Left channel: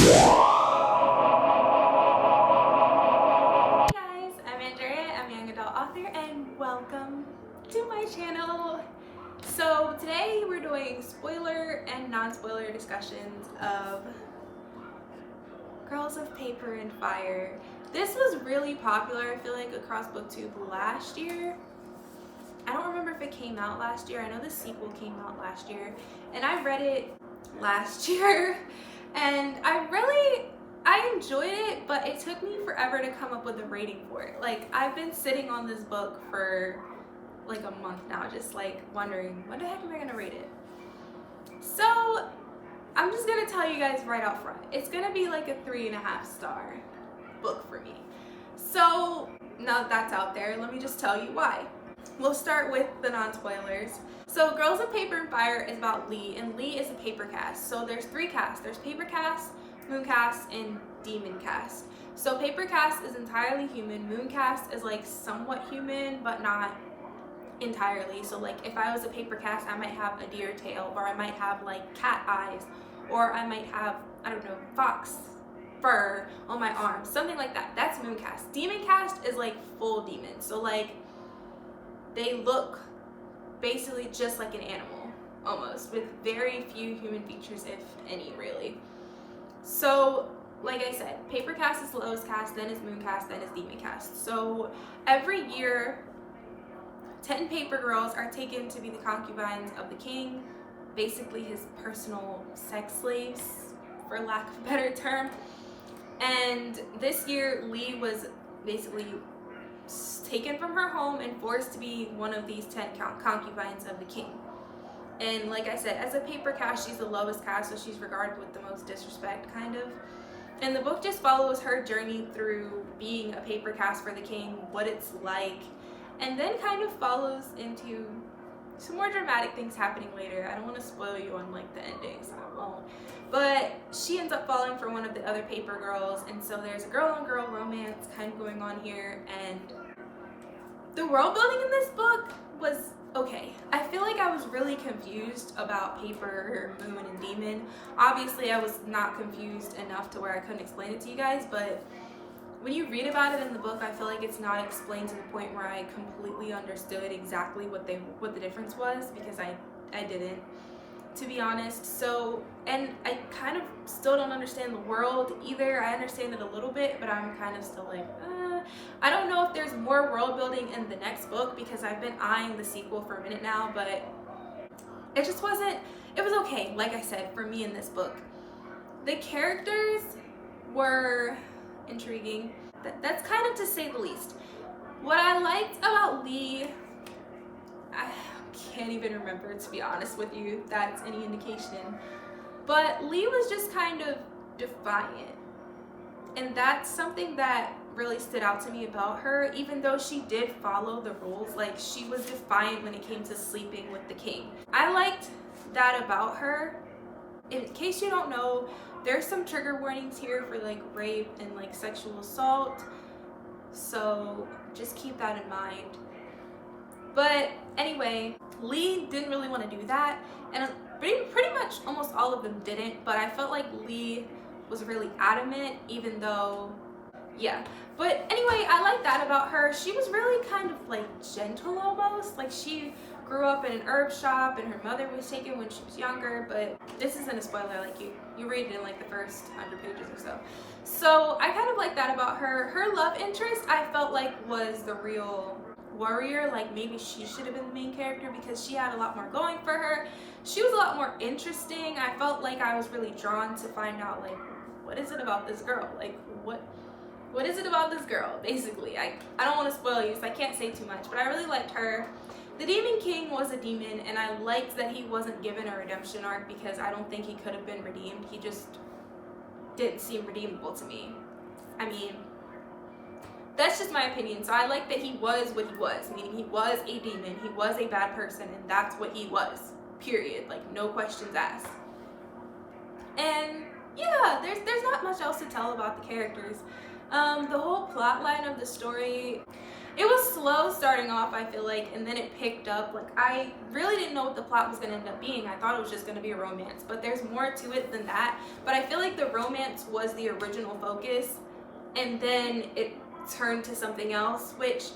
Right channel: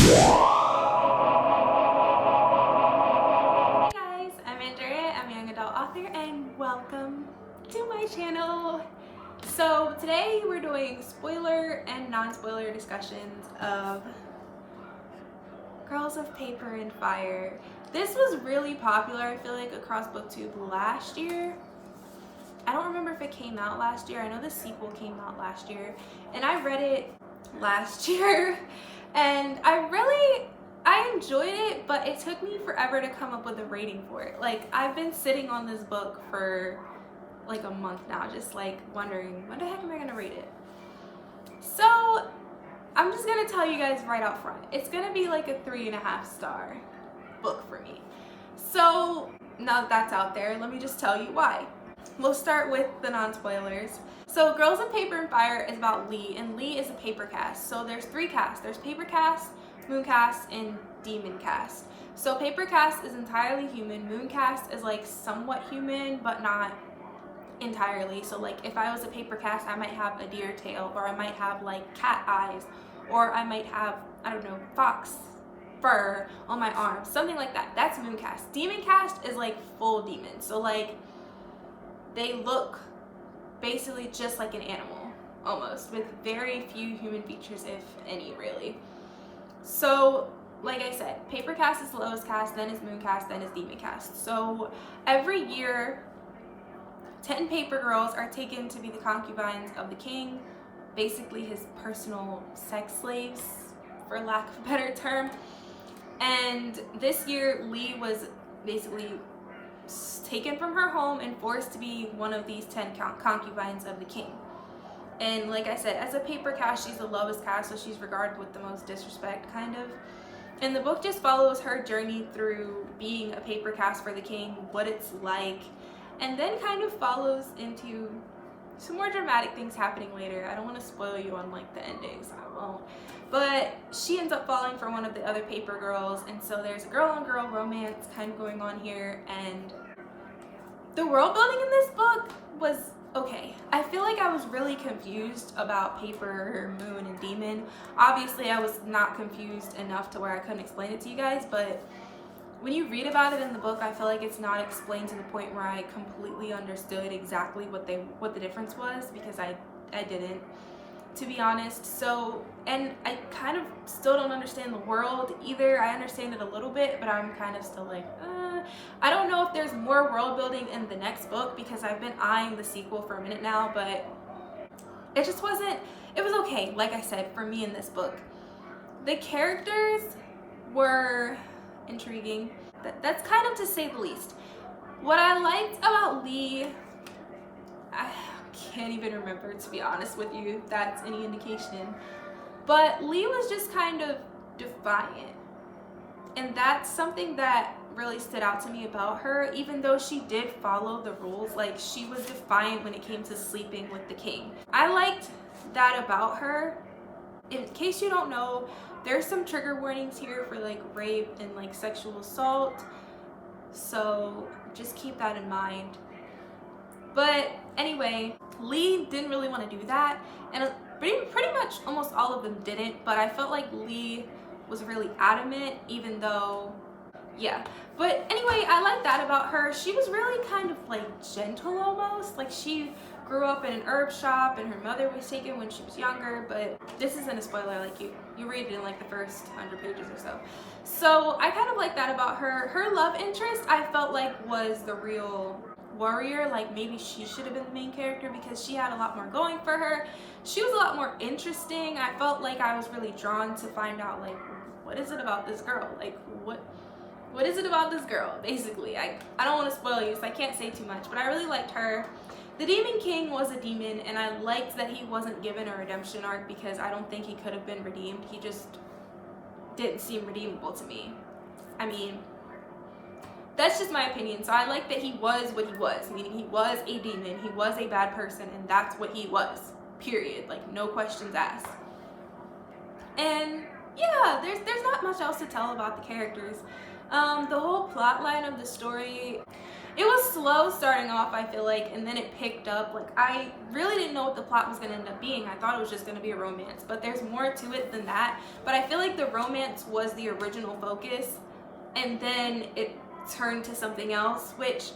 Hey guys, I'm Andrea, I'm a young adult author, and welcome to my channel. So today we're doing spoiler and non-spoiler discussions of Girls of Paper and Fire. This was really popular, I feel like, across Booktube last year. I don't remember if it came out last year. I know the sequel came out last year, and I read it last year, and I enjoyed it, but it took me forever to come up with a rating for it. Like, I've been sitting on this book for like a month now, just like wondering, when the heck am I gonna rate it? So I'm just gonna tell you guys right out front, it's gonna be like a 3.5 star book for me. So now that that's out there, let me just tell you why. We'll start with the non-spoilers. So Girls of Paper and Fire is about Lee, and Lee is a paper cast. So there's 3 casts. There's paper cast, moon cast, and demon cast. So paper cast is entirely human. Moon cast is like somewhat human, but not entirely. So like if I was a paper cast, I might have a deer tail, or I might have like cat eyes, or I might have, I don't know, fox fur on my arm, something like that. That's moon cast. Demon cast is like full demon. So like they look basically just like an animal, almost, with very few human features, if any, really. So like I said, paper cast is the lowest cast, then is moon cast, then is demon cast. So every year 10 paper girls are taken to be the concubines of the king, basically his personal sex slaves, for lack of a better term. And this year Lee was basically taken from her home and forced to be one of these 10 concubines of the king. And like I said, as a paper cast, she's the lowest cast, so she's regarded with the most disrespect, kind of. And the book just follows her journey through being a paper cast for the king, what it's like, and then kind of follows into some more dramatic things happening later. I don't want to spoil you on like the endings, I won't. But she ends up falling for one of the other paper girls, and so there's a girl-on-girl romance kind of going on here, and the world building in this book was okay. I feel like I was really confused about paper, moon, and demon. Obviously, I was not confused enough to where I couldn't explain it to you guys, but when you read about it in the book, I feel like it's not explained to the point where I completely understood exactly what the difference was, because I didn't, to be honest. So, and I kind of still don't understand the world either. I understand it a little bit, but I'm kind of still like, I don't know if there's more world building in the next book, because I've been eyeing the sequel for a minute now, but it just wasn't, it was okay, like I said, for me in this book. The characters were intriguing. That's kind of to say the least. What I liked about Lee, I can't even remember, to be honest with you, if that's any indication, but Lee was just kind of defiant, and that's something that really stood out to me about her. Even though she did follow the rules, like, she was defiant when it came to sleeping with the king. I liked that about her. In case you don't know, there's some trigger warnings here for like rape and like sexual assault, so just keep that in mind. But anyway, Lee didn't really want to do that, and pretty much almost all of them didn't, but I felt like Lee was really adamant, even though, yeah. But anyway, I like that about her. She was really kind of like gentle almost. Like, she grew up in an herb shop, and her mother was taken when she was younger, but this isn't a spoiler, like you read it in like the first 100 pages or so. So I kind of like that about her. Her love interest, I felt like, was the real warrior. Like, maybe she should have been the main character, because she had a lot more going for her. She was a lot more interesting. I felt like I was really drawn to find out, like, what is it about this girl? Like, what is it about this girl, basically? I don't want to spoil you, so I can't say too much, but I really liked her. The Demon King was a demon, and I liked that he wasn't given a redemption arc, because I don't think he could have been redeemed. He just didn't seem redeemable to me. I mean, that's just my opinion. So I like that he was what he was, meaning he was a demon, he was a bad person, and that's what he was, period. Like, no questions asked. And yeah, there's not much else to tell about the characters. The whole plot line of the story, it was slow starting off, I feel like, and then it picked up. Like, I really didn't know what the plot was going to end up being. I thought it was just going to be a romance, but there's more to it than that. But I feel like the romance was the original focus, and then it turned to something else, which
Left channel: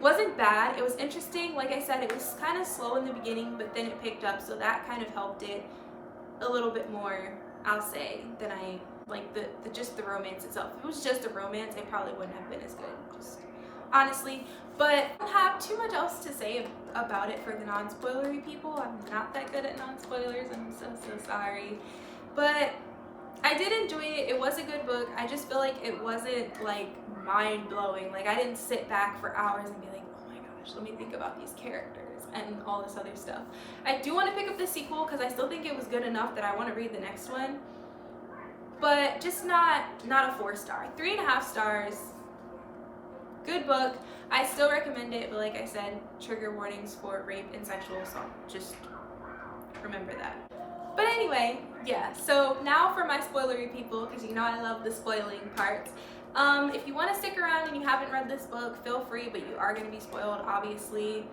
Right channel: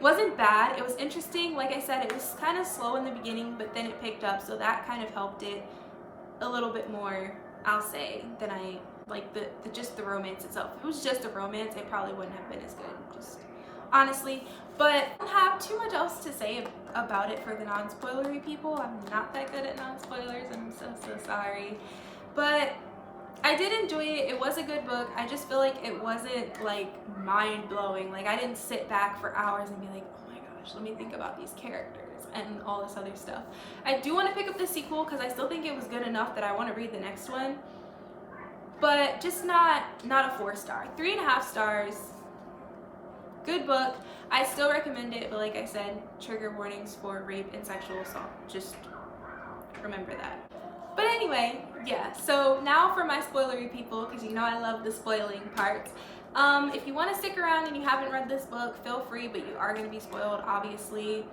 wasn't bad. It was interesting. Like I said, it was kind of slow in the beginning, but then it picked up, so that kind of helped it a little bit more, I'll say, than I like just the romance itself. If it was just a romance, it probably wouldn't have been as good, just honestly. But I don't have too much else to say about it for the non-spoilery people. I'm not that good at non-spoilers. I'm so sorry. But I did enjoy it. It was a good book. I just feel like it wasn't like mind-blowing. Like, I didn't sit back for hours and be like, oh my gosh, let me think about these characters and all this other stuff. I do want to pick up the sequel because I still think it was good enough that I want to read the next one. But just not a 4-star. 3.5 stars. Good book. I still recommend it, but like I said, trigger warnings for rape and sexual assault. Just remember that. But anyway, yeah, so now for my spoilery people, because you know I love the spoiling part. If you want to stick around and you haven't read this book, feel free, but you are going to be spoiled, obviously.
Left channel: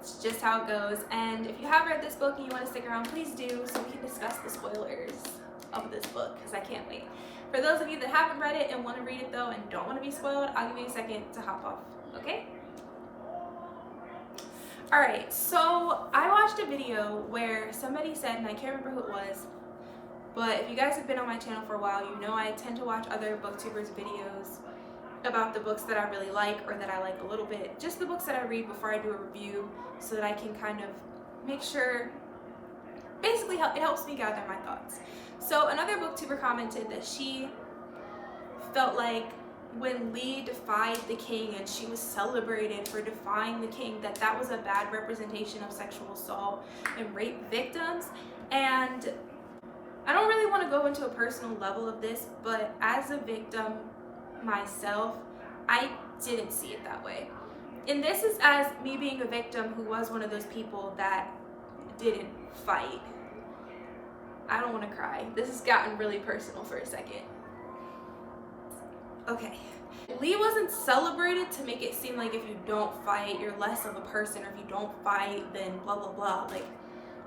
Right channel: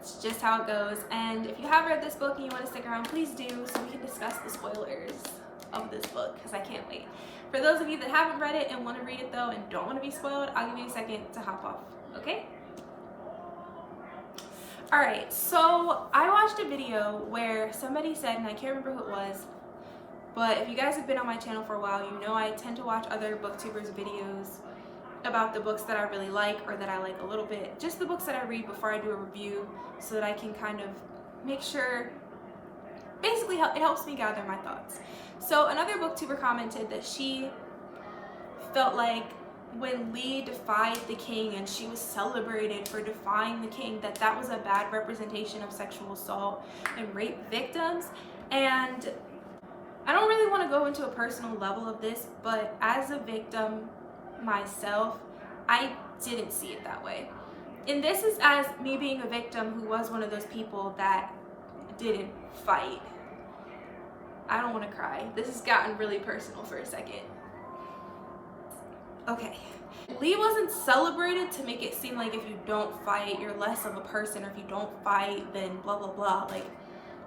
It's just how it goes. And if you have read this book and you want to stick around, please do, so we can discuss the spoilers of this book, because I can't wait. For those of you that haven't read it and want to read it though and don't want to be spoiled, I'll give you a second to hop off, okay? Alright, so I watched a video where somebody said, and I can't remember who it was, but if you guys have been on my channel for a while, you know I tend to watch other booktubers' videos about the books that I really like or that I like a little bit. Just the books that I read before I do a review, so that I can kind of make sure, basically it helps me gather my thoughts. So another booktuber commented that she felt like when Lee defied the king and she was celebrated for defying the king, that was a bad representation of sexual assault and rape victims. And I don't really want to go into a personal level of this, but as a victim myself, I didn't see it that way. And this is as me being a victim who was one of those people that didn't fight. I don't want to cry. This has gotten really personal for a second. Okay. Lee wasn't celebrated to make it seem like if you don't fight, you're less of a person, or if you don't fight, then blah, blah, blah. Like,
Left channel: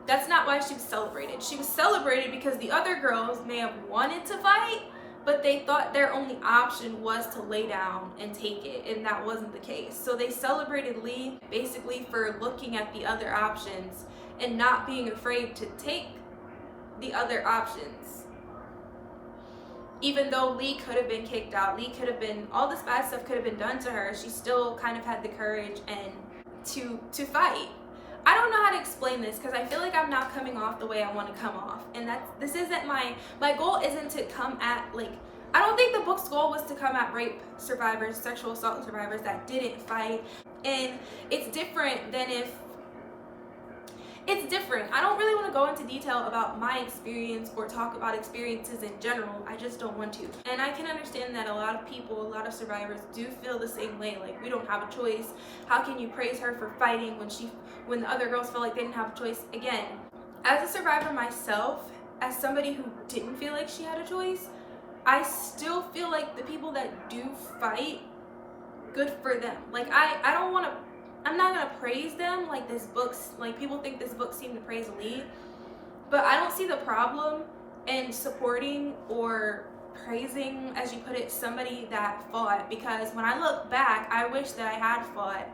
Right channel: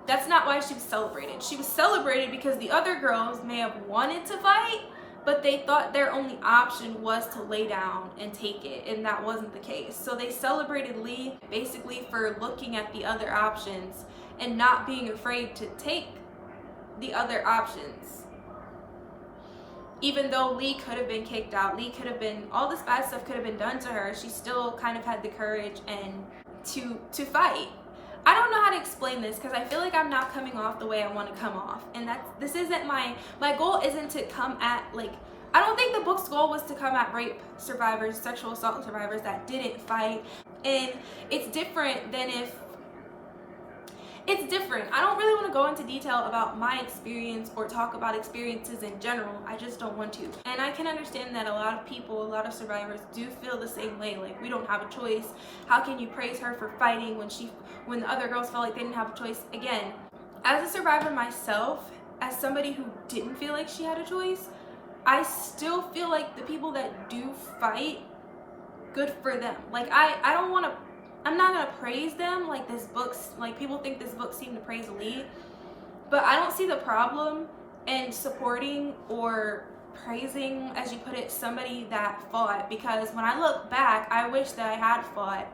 that's not why she was celebrated. She was celebrated because the other girls may have wanted to fight, but they thought their only option was to lay down and take it, and that wasn't the case. So they celebrated Lee basically for looking at the other options and not being afraid to take the other options. Even though Lee could have been kicked out, Lee could have been, all this bad stuff could have been done to her, she still kind of had the courage and to fight. I don't know how to explain this because I feel like I'm not coming off the way I want to come off, and this isn't my goal isn't to come at, like, I don't think the book's goal was to come at rape survivors, sexual assault survivors that didn't fight. And it's different than if it's different. I don't really want to go into detail about my experience or talk about experiences in general. I just don't want to. And I can understand that a lot of people, a lot of survivors do feel the same way. Like, we don't have a choice. How can you praise her for fighting when the other girls felt like they didn't have a choice? Again, as a survivor myself, as somebody who didn't feel like she had a choice, I still feel like the people that do fight, good for them. Like, I'm not gonna praise them like this book's, like, people think this book seemed to praise Lee, but I don't see the problem in supporting or praising, as you put it, somebody that fought, because when I look back, I wish that I had fought.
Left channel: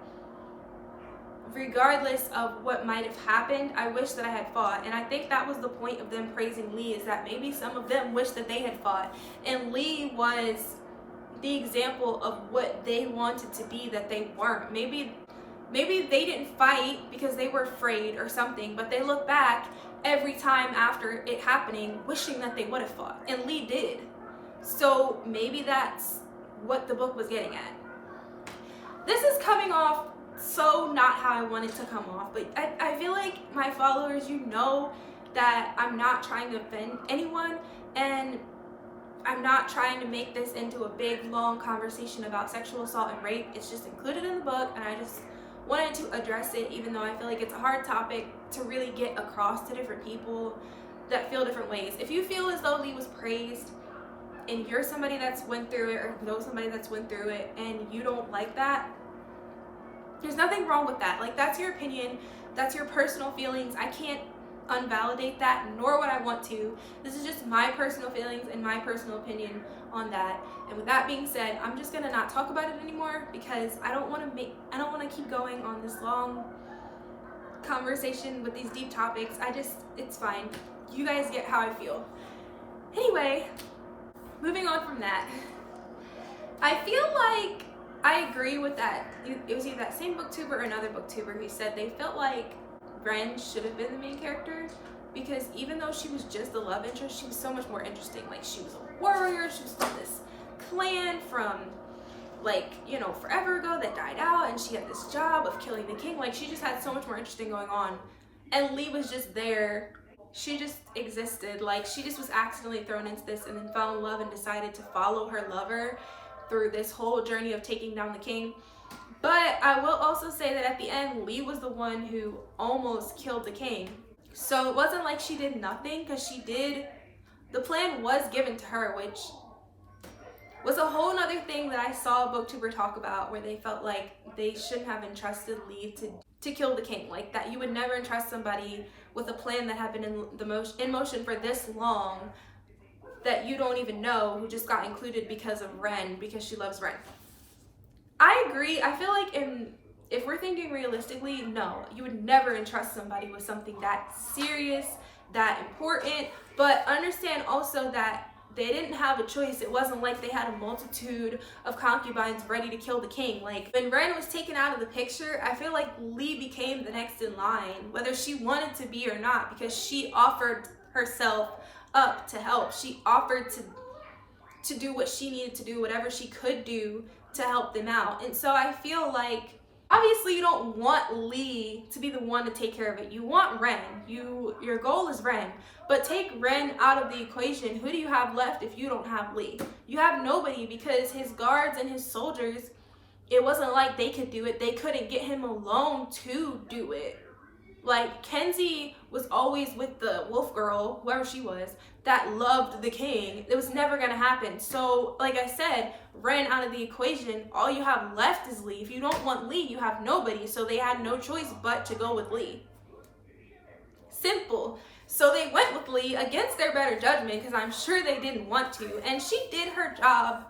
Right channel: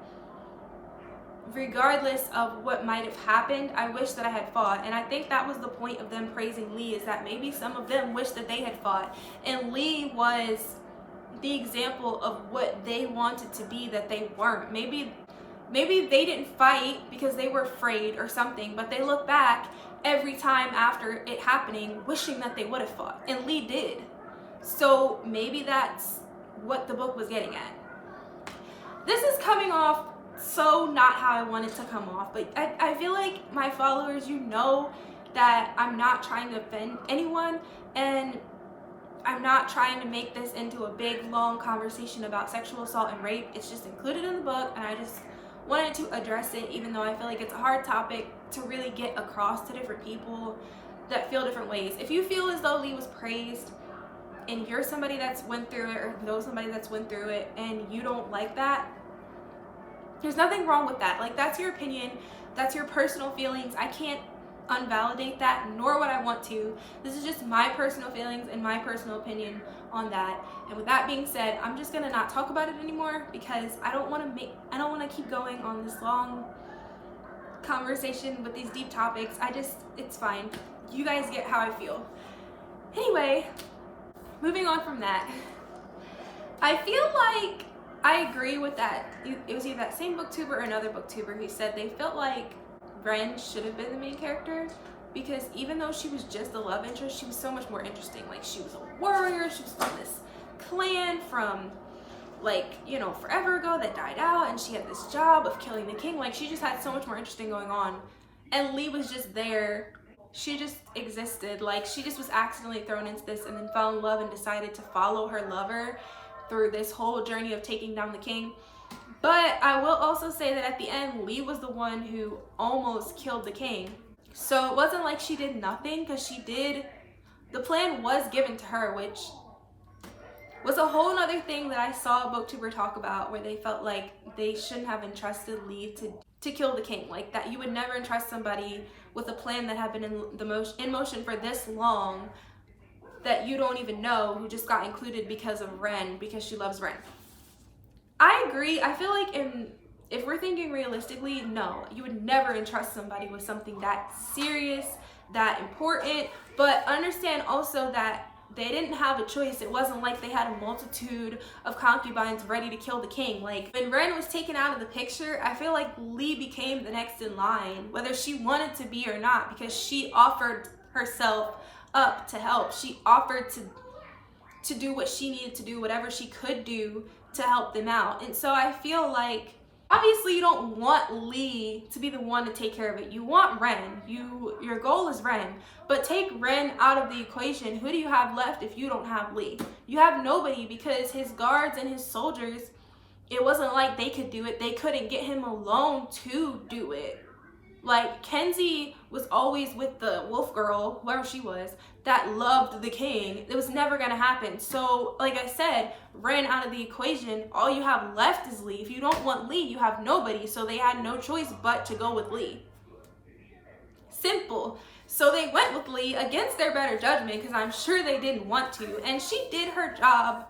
Regardless of what might have happened, I wish that I had fought. And I think that was the point of them praising Lee, is that maybe some of them wish that they had fought. And Lee was the example of what they wanted to be that they weren't. Maybe they didn't fight because they were afraid or something, but they look back every time after it happening wishing that they would have fought. And Lee did. So maybe that's what the book was getting at. This is coming off so not how I wanted to come off, but I feel like my followers, you know that I'm not trying to offend anyone, and I'm not trying to make this into a big long conversation about sexual assault and rape. It's just included in the book, and I just wanted to address it, even though I feel like it's a hard topic to really get across to different people that feel different ways. If you feel as though Lee was praised and you're somebody that's went through it, or know somebody that's went through it, and you don't like that, There's nothing wrong with that. Like, that's your opinion, that's your personal feelings. I can't unvalidate that, nor would I want to. This is just my personal feelings and my personal opinion on that. And with that being said, I'm just gonna not talk about it anymore because I don't want to keep going on this long conversation with these deep topics. It's fine. You guys get how I feel. Anyway, moving on from that, I feel like I agree with that. It was either that same booktuber or another booktuber who said they felt like Ren should have been the main character, because even though she was just a love interest, she was so much more interesting. Like, she was a warrior, she was from this clan from, like, you know, forever ago that died out, and she had this job of killing the king. Like, she just had so much more interesting going on, and Lee was just there. She just existed. Like, she just was accidentally thrown into this and then fell in love and decided to follow her lover through this whole journey of taking down the king. But I will also say that at the end, Lee was the one who almost killed the king. So it wasn't like she did nothing, because she did, the plan was given to her, which was a whole other thing that I saw a booktuber talk about, where they felt like they shouldn't have entrusted Lee to kill the king. Like, that you would never entrust somebody with a plan that had been in motion for this long, that you don't even know, who just got included because of Ren, because she loves Ren. I agree. I feel like if we're thinking realistically, no, you would never entrust somebody with something that serious, that important. But understand also that they didn't have a choice. It wasn't like they had a multitude of concubines ready to kill the king. Like, when Ren was taken out of the picture, I feel like Lee became the next in line, whether she wanted to be or not, because she offered herself up to help. She offered to do what she needed to do, whatever she could do to help them out. And so I feel like, obviously you don't want Lee to be the one to take care of it. You want Ren. Your goal is Ren. But take Ren out of the equation. Who do you have left if you don't have Lee? You have nobody, because his guards and his soldiers, it wasn't like they could do it. They couldn't get him alone to do it. Like, Kenzie was always with the wolf girl, whoever she was, that loved the king. It was never gonna happen. So, like I said, Ren out of the equation, all you have left is Lee. If you don't want Lee, you have nobody. So they had no choice but to go with Lee. Simple. So they went with Lee against their better judgment, because I'm sure they didn't want to. And she did her job.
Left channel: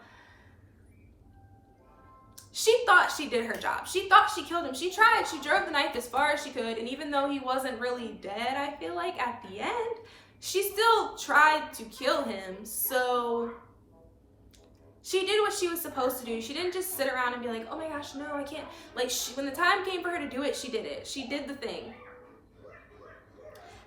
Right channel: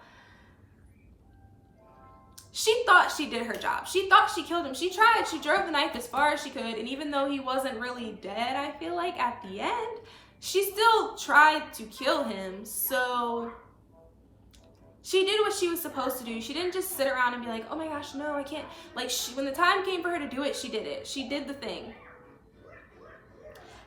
She thought she did her job. She thought she killed him. She tried. She drove the knife as far as she could. And even though he wasn't really dead, I feel like at the end, she still tried to kill him. So she did what she was supposed to do. She didn't just sit around and be like, oh my gosh, no, I can't. Like, when the time came for her to do it, she did it. She did the thing.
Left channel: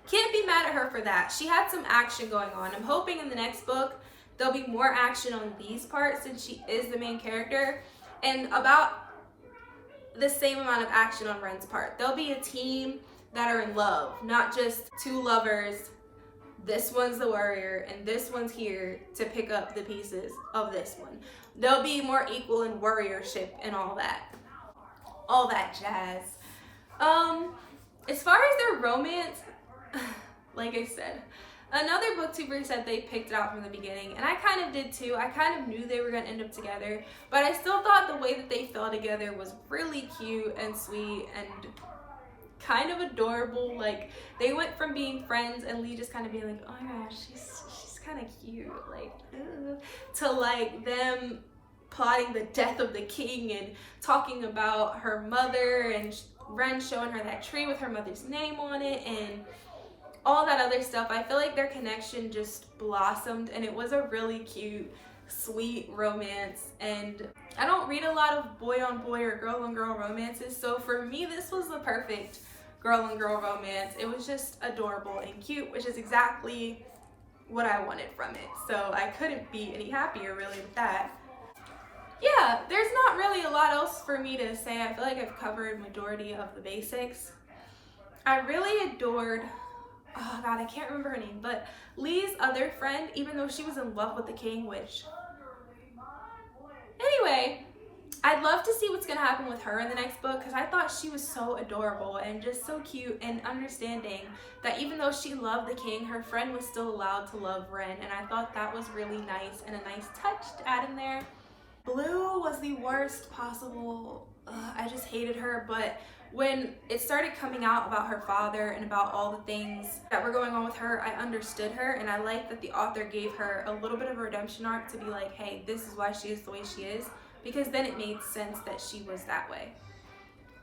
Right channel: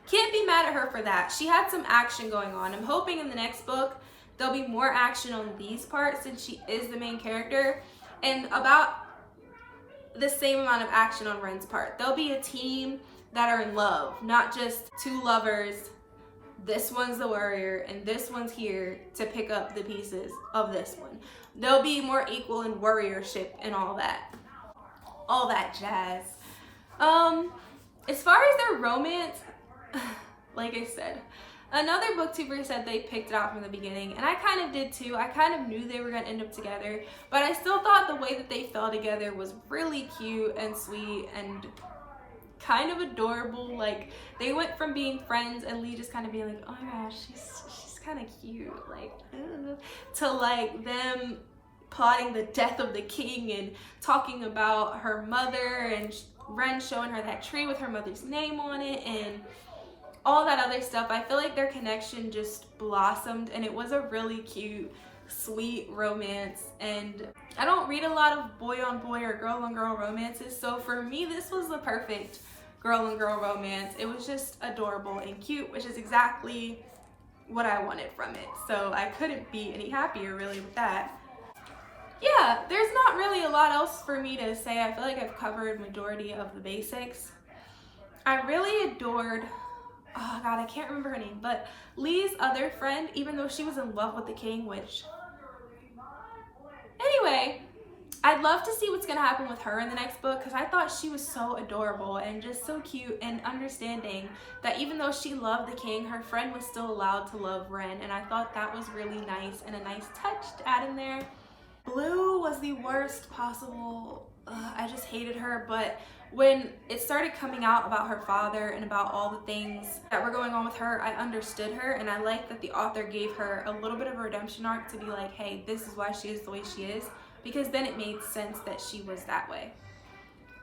Can't be mad at her for that. She had some action going on. I'm hoping in the next book, there'll be more action on Lee's part, since she is the main character, and about the same amount of action on Ren's part. There'll be a team that are in love, not just two lovers. This one's the warrior and this one's here to pick up the pieces of this one. They'll be more equal in warriorship and all that jazz. As far as their romance, like I said, another booktuber said they picked it out from the beginning, and I kind of did too. I kind of knew they were gonna end up together, but I still thought the way that they fell together was really cute and sweet and kind of adorable. Like, they went from being friends and Lee just kind of being like, oh my gosh, she's kind of cute, like, to like them plotting the death of the king and talking about her mother, and Ren showing her that tree with her mother's name on it and all that other stuff. I feel like their connection just blossomed, and it was a really cute, sweet romance. And I don't read a lot of boy on boy or girl on girl romances, so for me this was the perfect girl on girl romance. It was just adorable and cute, which is exactly what I wanted from it. So I couldn't be any happier really with that. Yeah, there's not really a lot else for me to say. I feel like I've covered majority of the basics. I really adored, oh god, I can't remember her name, but Lee's other friend, even though she was in love with the king, which, anyway, I'd love to see what's gonna happen with her in the next book, because I thought she was so adorable and just so cute and understanding that even though she loved the king, her friend was still allowed to love Ren, and I thought that was really nice and a nice touch to add in there. Blue was the worst possible I just hated her. But when it started coming out about her father and about all the things that were going on with her, I understood her, and I like that the author gave her a little bit of a redemption arc to be like, hey, this is why she is the way she is, because then it made sense that she was that way.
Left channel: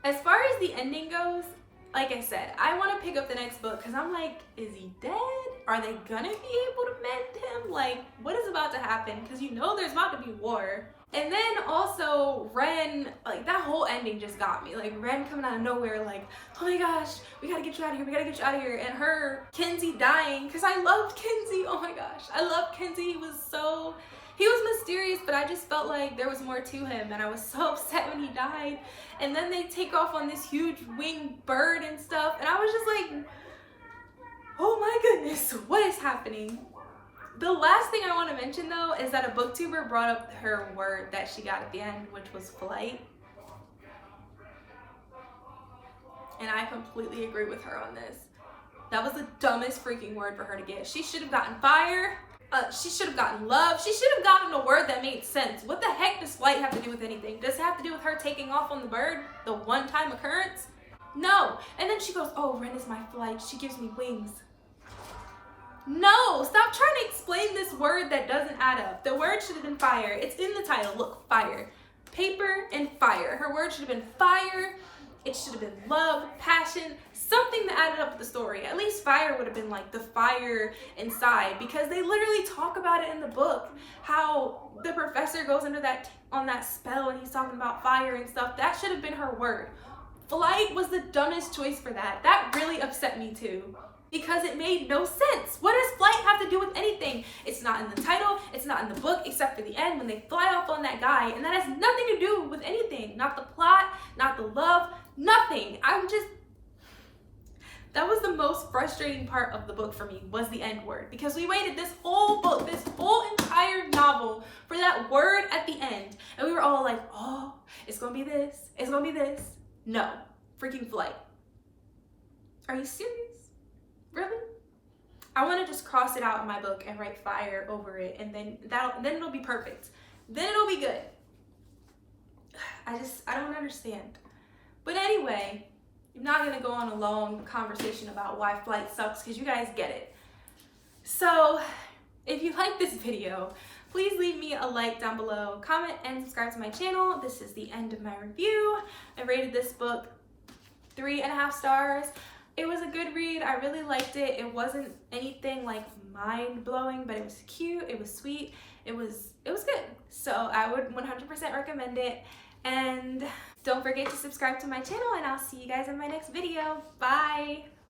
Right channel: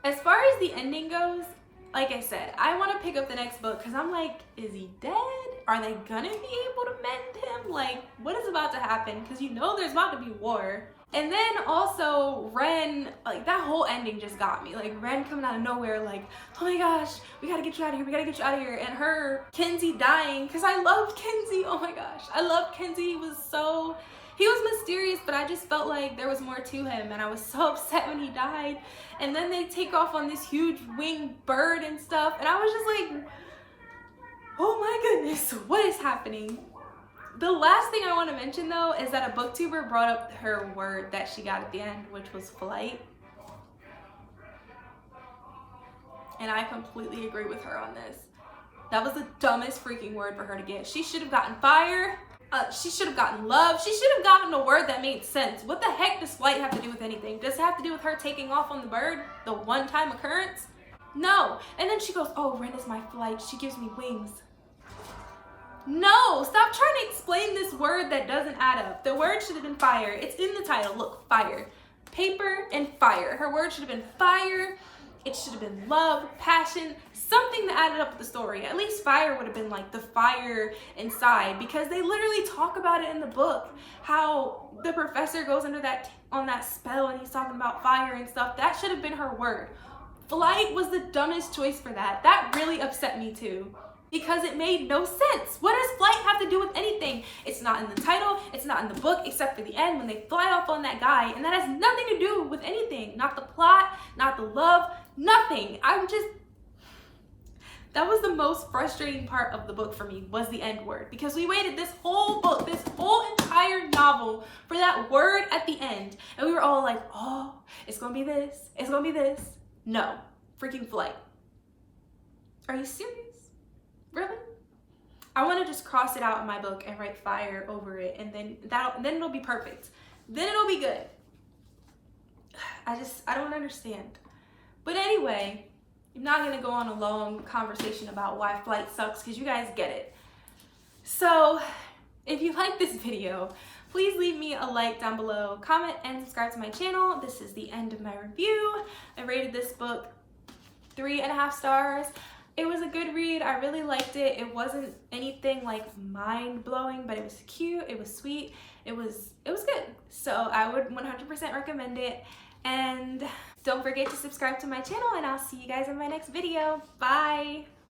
As far as the ending goes, like I said, I want to pick up the next book because I'm like, is he dead? Are they gonna be able to mend him? Like, what is about to happen? Because you know there's about to be war. And then also Ren, like that whole ending just got me. Like Ren coming out of nowhere, like, oh my gosh, we gotta get you out of here, we gotta get you out of here. And her, Kenzie dying, because I loved Kenzie, oh my gosh. I loved Kenzie, he was mysterious, but I just felt like there was more to him, and I was so upset when he died. And then they take off on this huge winged bird and stuff, and I was just like, oh my goodness, what is happening? The last thing I want to mention though is that a booktuber brought up her word that she got at the end, which was flight. And I completely agree with her on this. That was the dumbest freaking word for her to get. She should have gotten fire. She should have gotten love. She should have gotten a word that made sense. What the heck does flight have to do with anything? Does it have to do with her taking off on the bird? The one-time occurrence? No. And then she goes, oh, Ren is my flight. She gives me wings. No, stop trying to explain this word that doesn't add up. The word should have been fire. It's in the title. Look, fire. Paper and fire. Her word should have been fire. It should have been love, passion, something that added up with the story. At least fire would have been like the fire inside, because they literally talk about it in the book, how the professor goes under on that spell and he's talking about fire and stuff. That should have been her word. Flight was the dumbest choice for that. That really upset me too, because it made no sense. What does flight have to do with anything? It's not in the title, it's not in the book, except for the end when they fly off on that guy, and that has nothing to do with anything. Not the plot, not the love, nothing. That was the most frustrating part of the book for me, was the end word, because we waited this whole book, this whole entire novel for that word at the end, and we were all like, oh, it's gonna be this, it's gonna be this. No, freaking flight. Are you serious? Really? I want to just cross it out in my book and write fire over it, and then it'll be perfect. Then it'll be good. I don't understand. But anyway, I'm not going to go on a long conversation about why flight sucks, because you guys get it. So if you like this video, please leave me a like down below, comment, and subscribe to my channel. This is the end of my review. I rated this book 3.5 stars. It was a good read. I really liked it. It wasn't anything like mind-blowing, but it was cute, it was sweet, it was good. So I would 100% recommend it. And don't forget to subscribe to my channel, and I'll see you guys in my next video. Bye!